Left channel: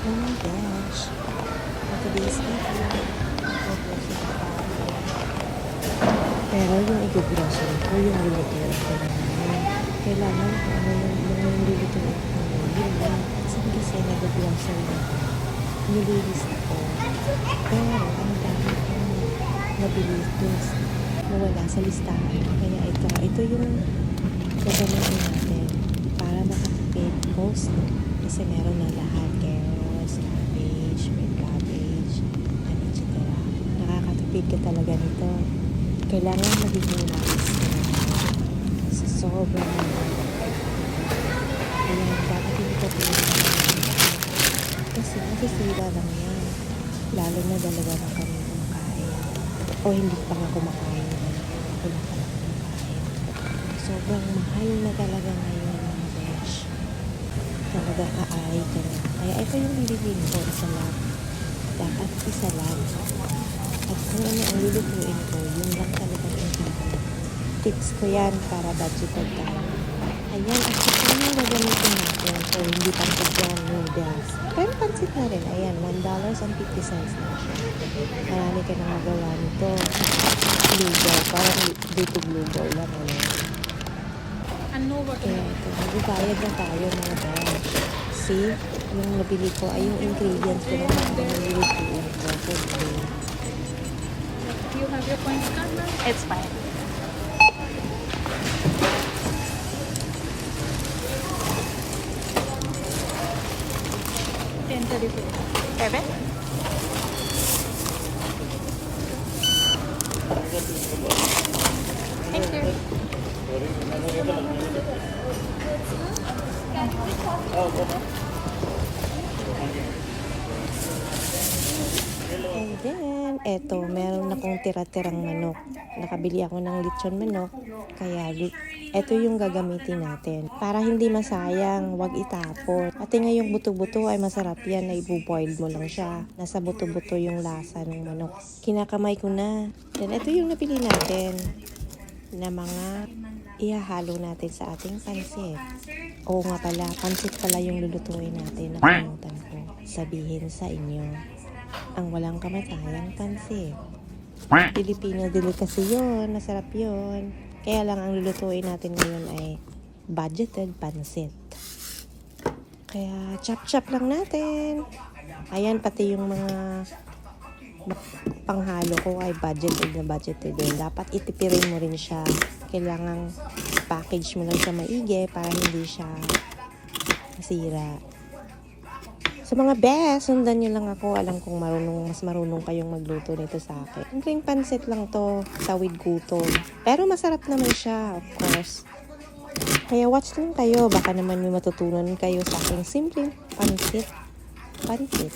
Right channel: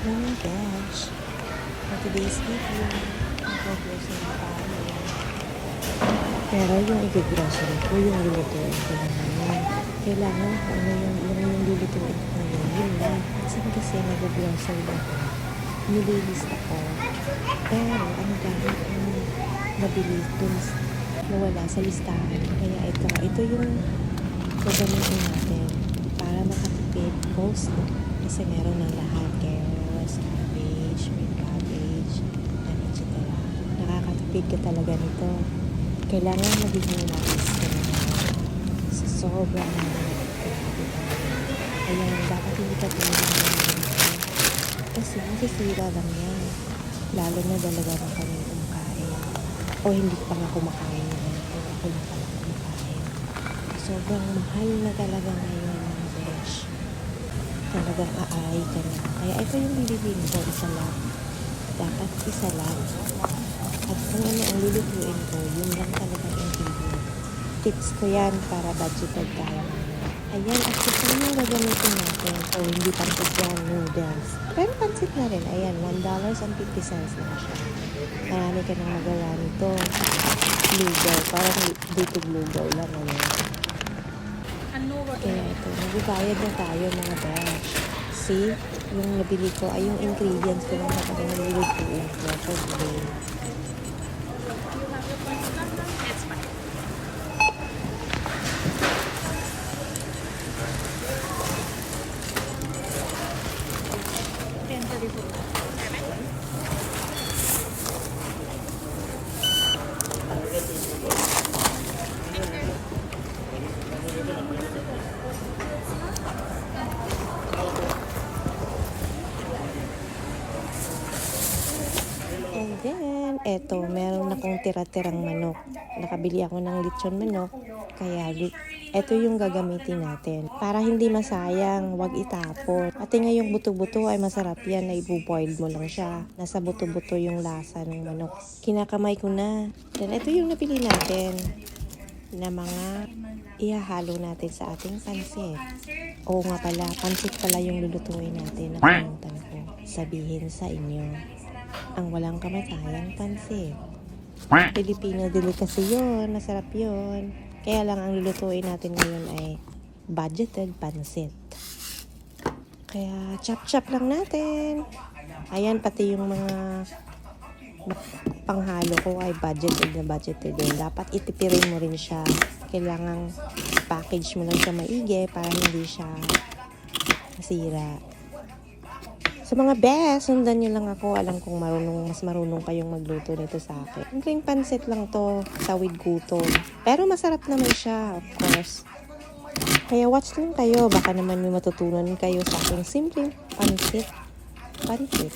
Mga besh, for today's video, mag-grocery tayo. Pero yung i-grocery ko, yung lulutuin ko lang ngayon. Kailangan ko ano yung lulutuin ko ngayon. Yun lang. Kasi nag-grocery ako. Nililista ko. Pero ang dami kong nabili dun nawala sa listahan. Kaya ito yung gagamitin natin para makatipid coleslaw. Kasi meron ng lahat. Carrots, cabbage, red cabbage, and etc. Nakakatipid ka talaga nito. Kailangan magiging wise ka na sa sobrang grabe talaga. Ayan, dapat hindi ka pinag kasi masisira lang yan. Lalo na dalawa na kami kumakain. O hindi pa nga kumakain naman ako. Ako lang pala kumakain. Sobrang mahal na talaga ngayon mga besh. Talagang aaray ka na. Kaya ito yung bibilin ko, isa lang. Dapat isa lang. At kung ano ang lulutuin ko, yun lang talagang ingredient. Tips ko yan para budgeted tayo. Ayan, at ito yung gagamitin natin. O hindi pansit yan, noodles. Pero pansit na rin. Ayan, $1.50 lang siya. Marami ka nang magawa nito. Lugaw. Parang dito lugaw lang. Kaya ito, magbabayad na tayo mga besh. See, yung nabili ko ay yung ingredients ko lang talaga na lulutuin ko for today. You have your points number? It's fine. Bebe? And then, eto, meron akong tira-tirang manok. Nakabili ako ng lechon manok. Kaya, eto yung gagamitin natin. Para hindi masayang, wag itapon. Pati nga yung buto-buto ay masarap yan na ibu-boil mo lang siya. Nasa buto-buto yung lasa ng manok. Kinakamay ko na. Then, eto yung napili natin na mga ihahalo natin sa ating pansit. Oo nga pala, pansit pala yung lulutuin natin. Nakalimutan ko sabihin sa inyo. Ang walang kamatayang pansit. Filipino delicacy yun. Masarap yun. Kaya lang ang lulutuin natin ngayon ay budgeted pansit. Kaya chop-chop lang natin. Ayan, pati yung mga panghalo ko ay budgeted na budgeted din. Dapat itipirin mo rin siya. Kailangan package mo lang siya maigi para hindi siya masira. Sa mga best, sundan nyo lang ako. Alam kong mas marunong kayong magluto nito sa akin. Simpleng pansit lang to, tawid gutom. Pero masarap naman siya, of course. Kaya watch lang kayo. Baka naman may matutunan kayo sa aking simpleng pansit. Pansit.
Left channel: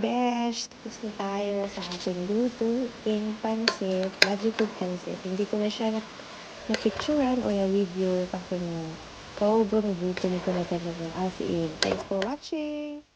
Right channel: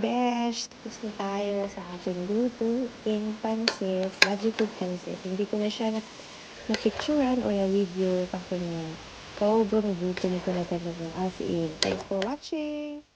besh! Tapos na tayo sa ating lutuing pansit. Magic food pansit. Hindi ko na siya na-picturean o na-video kasi nga sobrang gutom ko na talaga. As in, thanks for watching!